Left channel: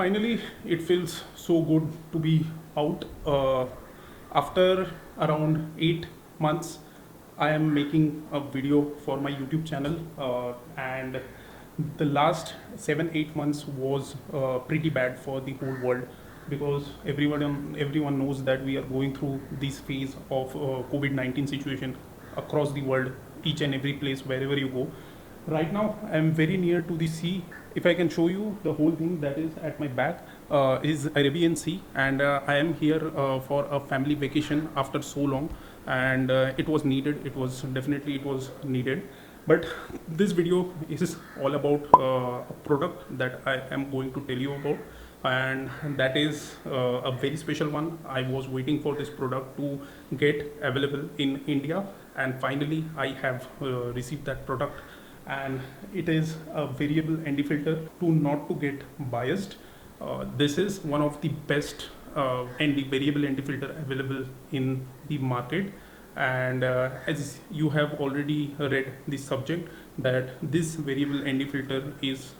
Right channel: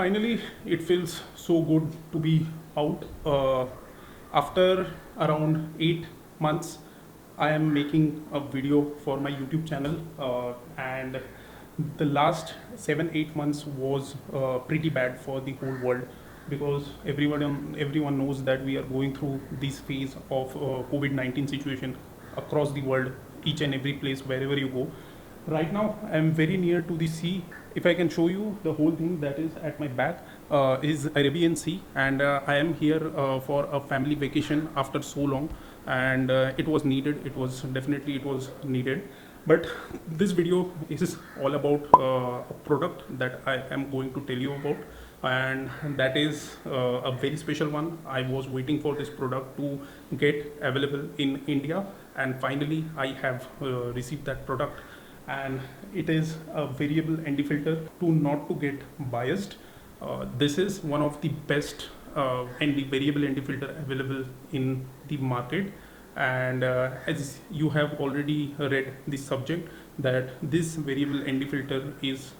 Finally, it feels so good to be out. After around 8 months, I am making a video for my YouTube channel, and the last 7 8 months was pretty bad for the whole world because everyone knows that we are going through this phase of COVID-19 situation across the world, each and every place wherever you go. Right now, I'm very near to the sea. If I can show you the whole thing that is at my back is Arabian Sea, and I am here for a family vacation after so long, and it was needed. It was needed. But this video is all about product that I am going to tell you about, and that is a very special one. I was waiting for this product to get available in India, and finally I have received that product, and it is a variable ND filter. To not to get biased, this is one of the best ND variable ND filter available in the market, and as you have already read the subject that this variable ND filter is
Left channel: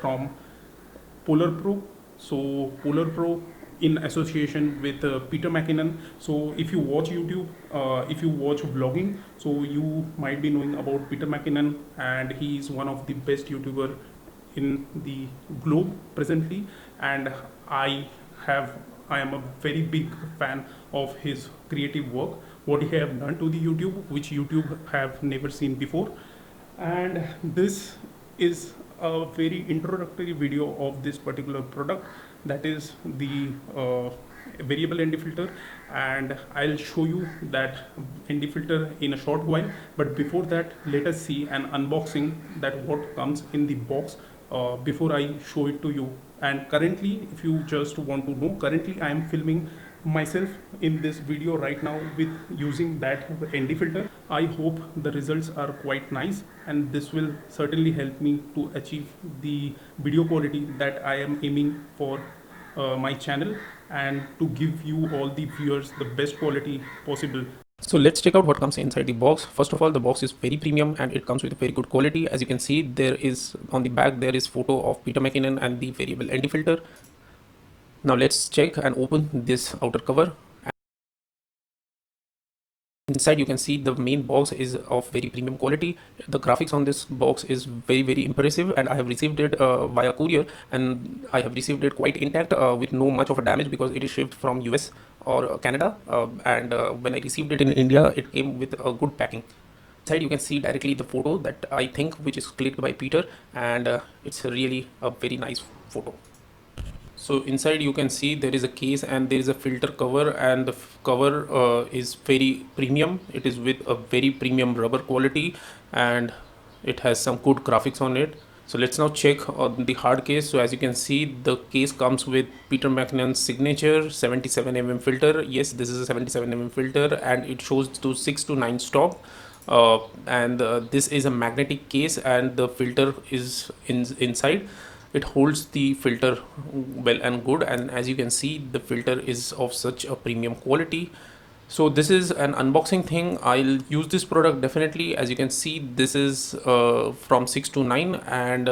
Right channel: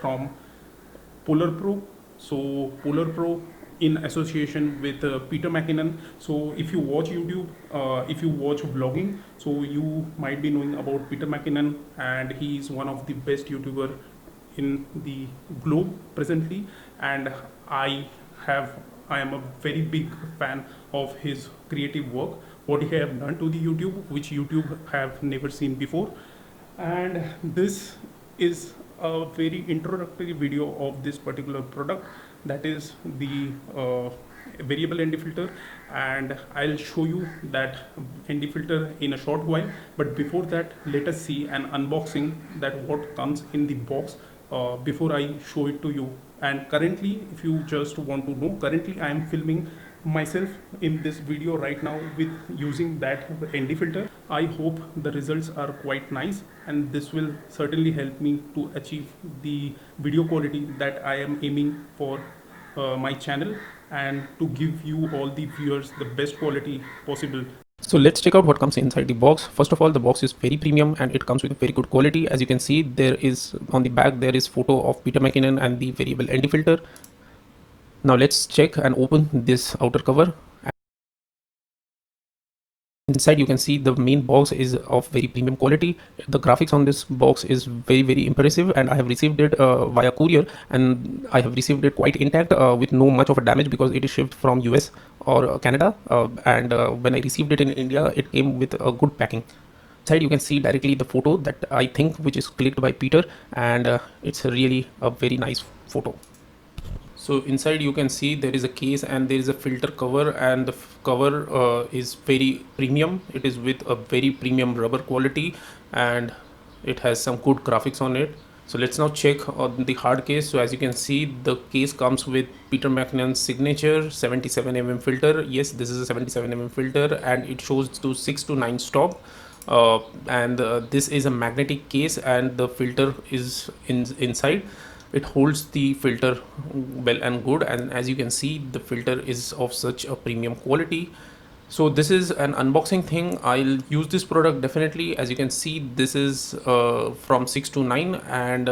from PolarPro. So PolarPro in association with Peter Mckinnon. So if you watch YouTube, if you watch vlogging, so you might be knowing about Peter Mckinnon, and he is one of the best YouTuber in the globe presently. And I have I am a very big fan of his creative work, what he have done to the YouTube, which YouTube have never seen before. And this is a very introductory video of this particular product, that is the variable ND filter, and I'll show you that ND filter in a short while. But before that, let us see an unboxing that what comes in the box before I show it to you. And currently, if you just want to know, currently I am filming myself in this video right now with using that ND filter. I hope the results are quite nice, and this will certainly help me to achieve the video quality that I am aiming for my channel, and to give you all the viewers the best quality possible. So let's check out what comes inside the box. First of all, the box is very premium and it comes with very good quality. As you can see, there is on the back there is photo of Peter Mckinnon and the variable ND filter. Now let's check and open this outer cover. Inside you can see the main box is of very premium quality. The graphics on this box is very impressive, and I have received it via courier, and I have received it quite intact with no much of a damage because it is shipped from US or Canada, and when I received it in India, it came with a good packing. Inside you can see directly the photo that I think which is clicked by Peter, and it's really a very nice photo. So inside you can see there is a case and there is a filter cover, and the cover is very premium. It is with a very premium rubber quality, and it has some good graphics on it. So let's now check on the hard case. So as you can see, the case comes with Peter Mckinnon's signature 77 filter. Yes, this is a 77 filter, and it shows to 6 to 9 stop. And this is a magnetic case, and the filter is inside. It holds the filter well and good, and as you can see, the filter is of such a premium quality. So this is an unboxing thing. I'll use this product definitely. As you can see, this is from 6 to 9, and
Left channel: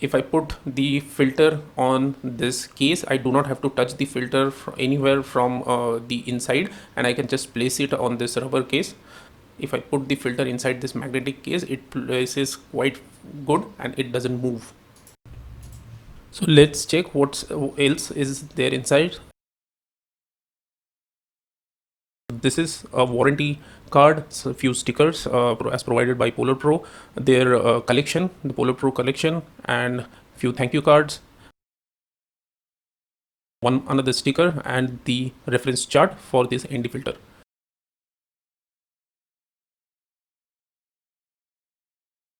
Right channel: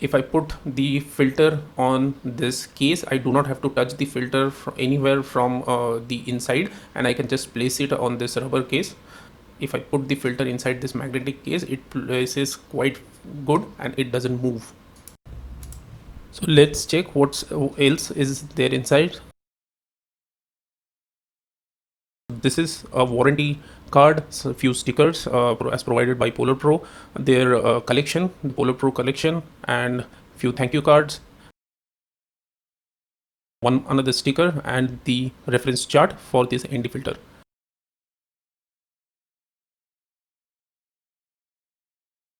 if I put the filter on this case, I do not have to touch the filter anywhere from the inside, and I can just place it on this rubber case. If I put the filter inside this magnetic case, it places quite good and it doesn't move. So let's check what else is there inside. This is a warranty card, so a few stickers as provided by PolarPro, their collection, the PolarPro collection, and few thank you cards, one another sticker, and the reference chart for this ND filter.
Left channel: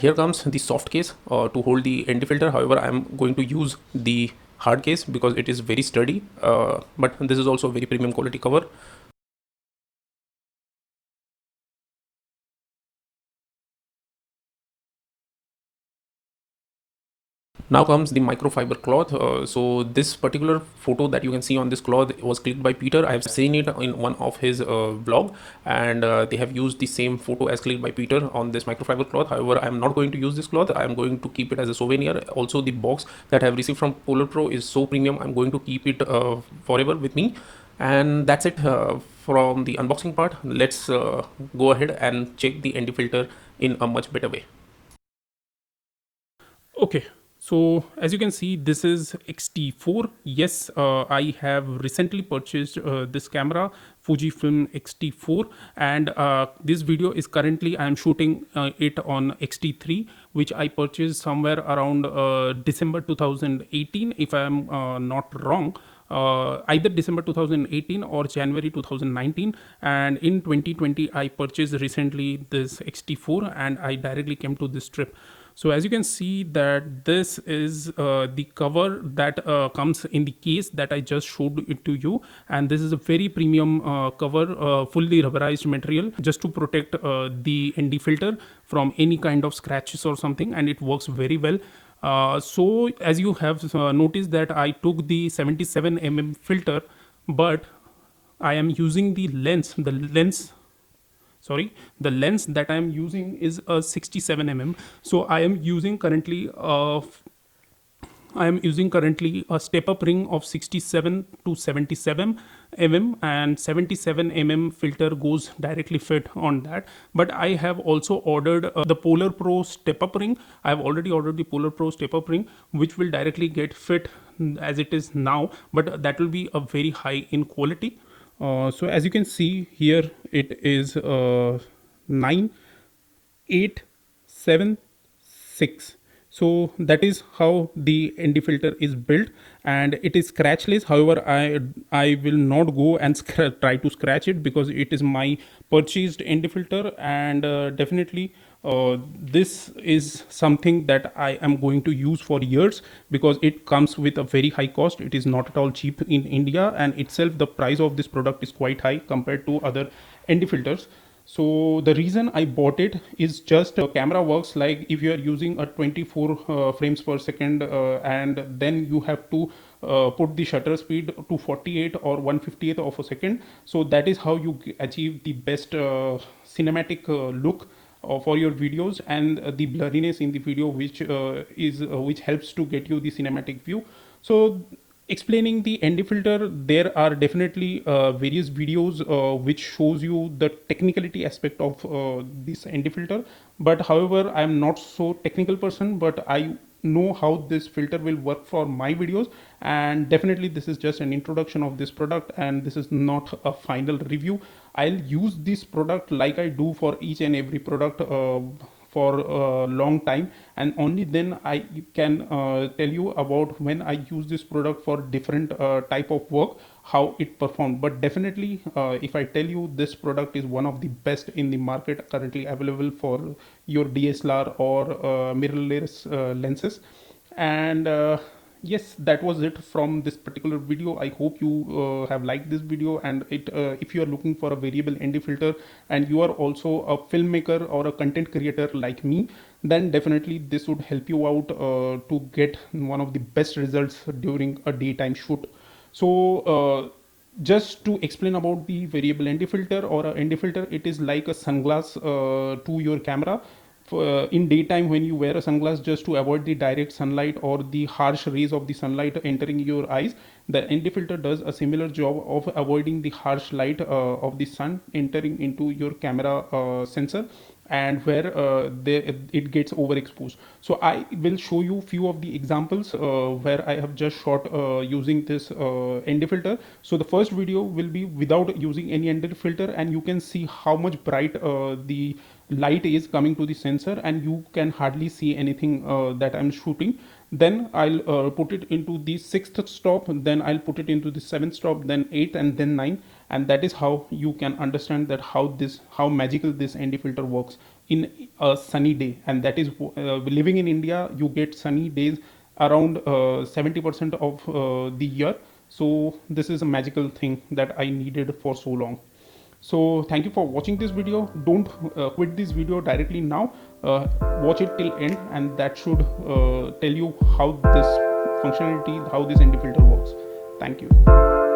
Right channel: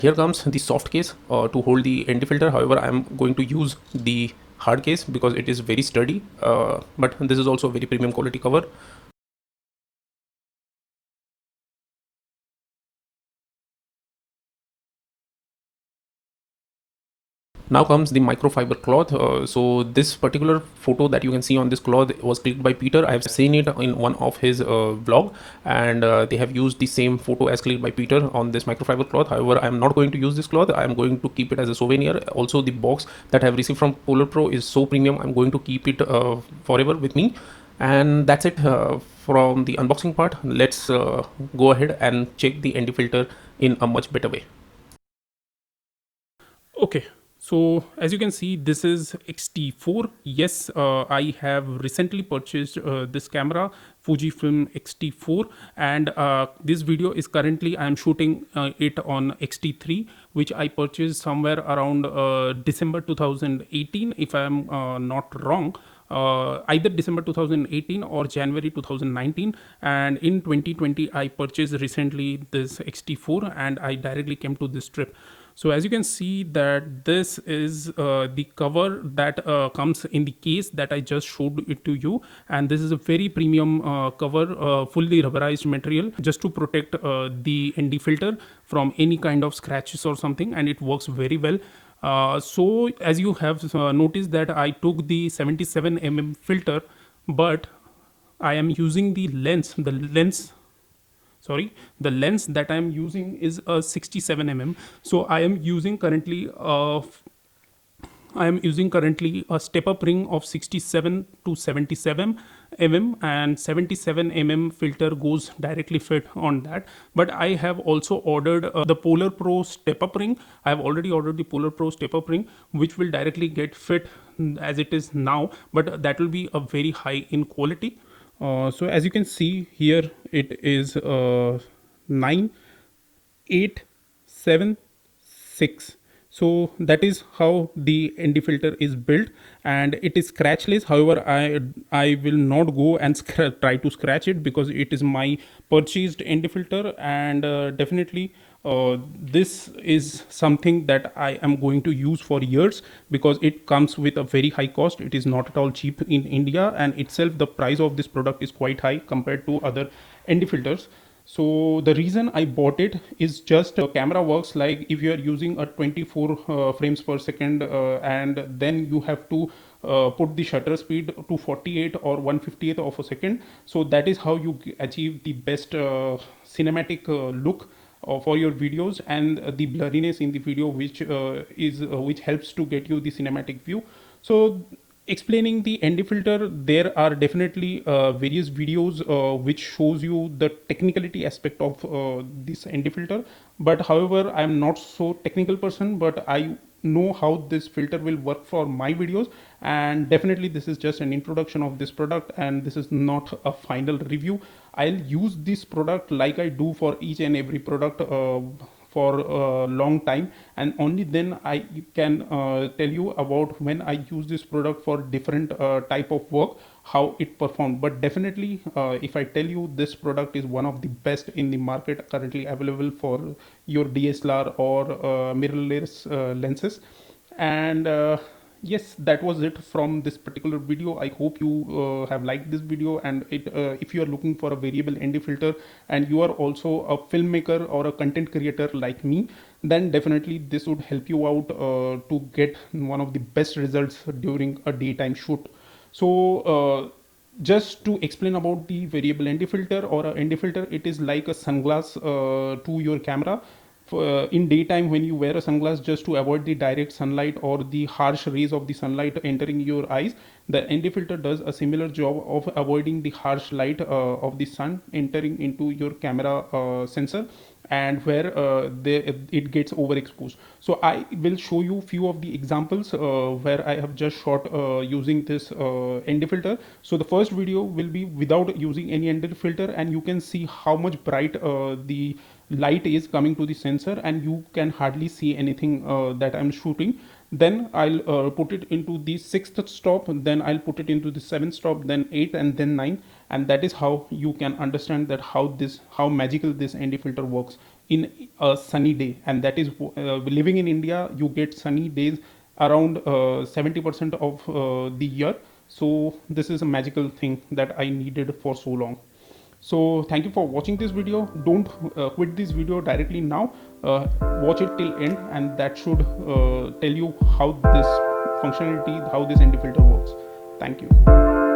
Here comes the soft case to hold the ND filter. However, I am going to use the hard case because it is very sturdy, but this is also a very premium quality cover. Now comes the microfiber cloth. So this particular photo that you can see on this cloth was clicked by Peter. I have seen it in one of his blog, and they have used the same photo as clicked by Peter on this microfiber cloth. However, I am not going to use this cloth. I am going to keep it as a souvenir. Also, the box that I have received from PolarPro is so premium. I'm going to keep it forever with me. And that's it from the unboxing part. Let's go ahead and check the ND filter in a much better way. Okay, so as you can see, this is X-T4. Yes, I have recently purchased this camera, Fujifilm X-T4, and this video is currently I'm shooting it on X-T3, which I purchased somewhere around December 2018, if I'm not wrong. Either December 2018 or January 2019, and in 2020 I purchased recently this X-T4, and I directly came to this trip. So as you can see that this is the cover that comes in the case that I just showed it to you, and this is a very premium cover, fully rubberized material, just to protect the ND filter from any kind of scratches or something, and it works very well. So as you have noticed that I took the 77 mm filter, but I am using the lens, the lens that I am using is a 67 mm. So I am using currently a step up ring of 67 to 77 mm, and 77 mm filter goes directly fit on that. But I have also ordered the PolarPro step up ring. I have already ordered the PolarPro step up ring, which will directly get fit as it is now, but that will be a very high in quality. So as you can see here, it is 9, 8, 7, 6. So that is how the ND filter is built, and it is scratchless. However, I will not go and try to scratch it, because it is my purchased ND filter, and definitely this is something that I am going to use for years, because it comes with a very high cost. It is not at all cheap in India, and itself the price of this product is quite high compared to other ND filters. So the reason I bought it is just the camera works like if you're using a 24 frames per second, and then you have to put the shutter speed to 48 or 1/50th of a second. So that is how you achieve the best cinematic look for your videos, and the blurriness in the video, which helps to get you the cinematic view. So explaining the ND filter, there are definitely various videos which shows you the technicality aspect of this ND filter. But however, I'm not so technical person, but I know how this filter will work for my videos, and definitely this is just an introduction of this product, and this is not a final review. I'll use this product like I do for each and every product for a long time, and only then I can tell you about when I use this product for different type of work, how it performed. But definitely if I tell you, this product is one of the best in the market currently available for your DSLR or mirrorless lenses. And yes, that was it from this particular video. I hope you have liked this video, and if you are looking for a variable ND filter and you are also a filmmaker or a content creator like me, then definitely this would help you out to get one of the best results during a daytime shoot. So just to explain about the variable ND filter or a ND filter, it is like a sunglass to your camera. In daytime, when you wear a sunglass, just to avoid the direct sunlight or the harsh rays of the sunlight entering your eyes, the ND filter does a similar job of avoiding the harsh light of the sun entering into your camera sensor, and where it gets overexposed. So I will show you few of the examples where I have just shot using this ND filter. So the first video will be without using any ND filter, and you can see how much bright the light is coming to the sensor, and you can hardly see anything that I'm shooting. Then I'll put it into the sixth stop, then I'll put it into the seventh stop, then eighth, and then nine. And that is how you can understand that how magical this ND filter works in a sunny day. And that is living in India, you get sunny days around 70% of the year. So this is a magical thing that I needed for so long. So thank you for watching this video. Don't quit this video directly now. Watch it till end, and that should tell you how this functionality, how this ND filter works. Thank you.